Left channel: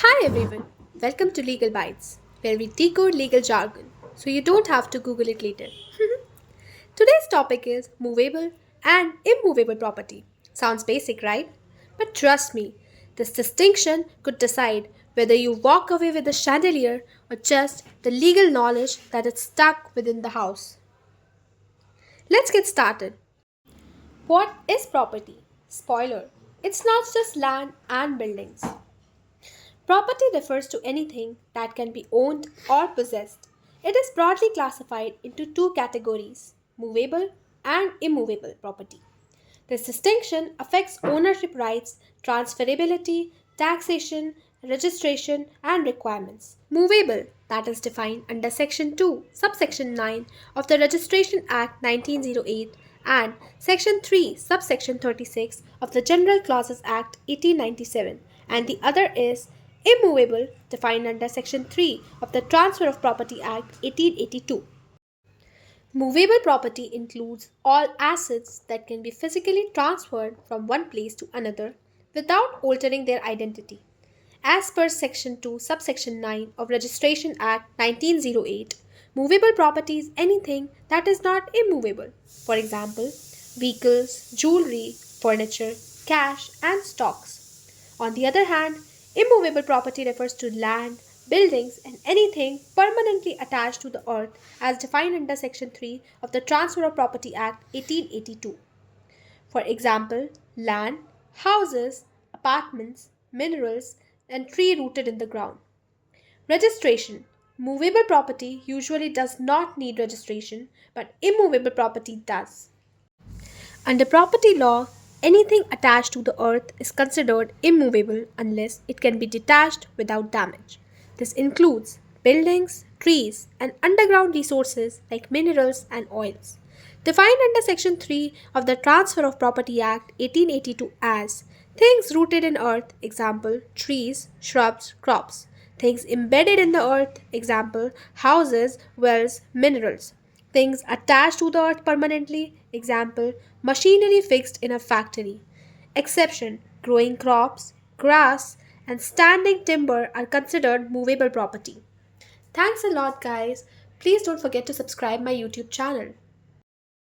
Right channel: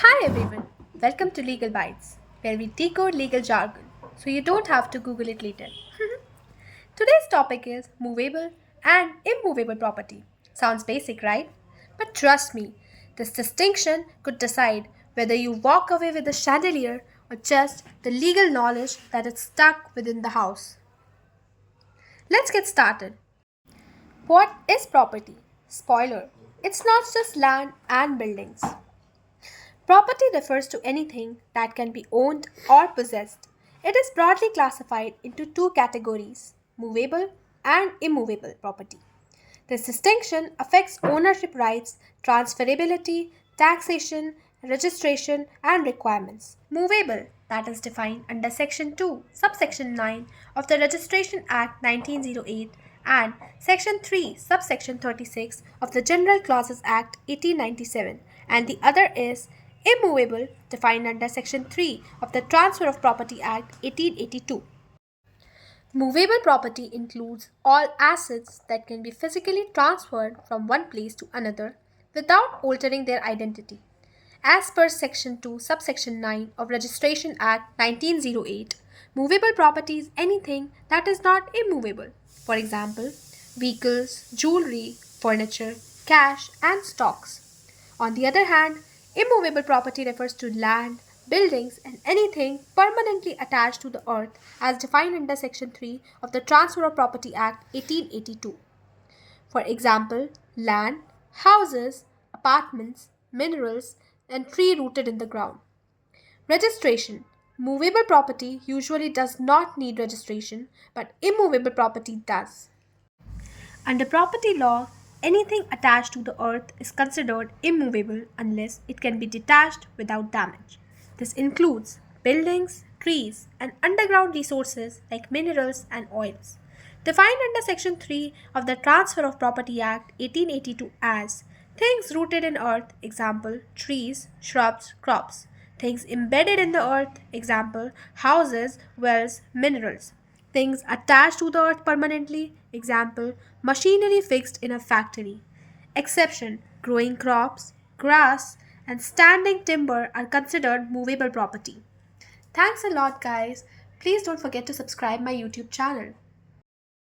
Hi everyone, welcome to Legal Bites, where we decode legal jargon so you don't have to Google it later. Today's topic is movable and immovable property. Sounds basic, right? But trust me, this distinction could decide whether you walk away with the chandelier or just the legal knowledge that it's stuck within the house. Let's get started. What is property? Spoiler, it's not just land and buildings. Property refers to anything that can be owned or possessed. It is broadly classified into two categories, movable and immovable property. This distinction affects ownership rights, transferability, taxation, registration, and requirements. Movable, that is defined under Section 2, subsection 9 of the Registration Act 1908 and Section 3, subsection 36 of the General Clauses Act 1897, and the other is immovable, defined under Section 3 of the Transfer of Property Act 1882. Movable property includes all assets that can be physically transferred from one place to another without altering their identity. As per Section 2, subsection 9 of Registration Act 1908, movable property is anything that is not immovable. For example, vehicles, jewelry, furniture, cash, and stocks. On the other hand, immovable property refers to land, buildings, and anything permanently attached to the earth as defined under Section 3 of the Transfer of Property Act 1882. For example, land, houses, apartments, minerals, and tree rooted in the ground. Registration. Movable property usually does not need registration, but immovable property does. Under property law, anything attached to the earth is considered immovable unless it can be detached without damage. This includes buildings, trees, and underground resources like minerals and oils. Defined under Section 3 of the Transfer of Property Act 1882 as things rooted in earth, example, trees, shrubs, crops. Things embedded in the earth, example, houses, wells, minerals. Things attached to the earth permanently, example, machinery fixed in a factory. Exception, growing crops, grass, and standing timber are considered movable property. Thanks a lot, guys. Please don't forget to subscribe my YouTube channel.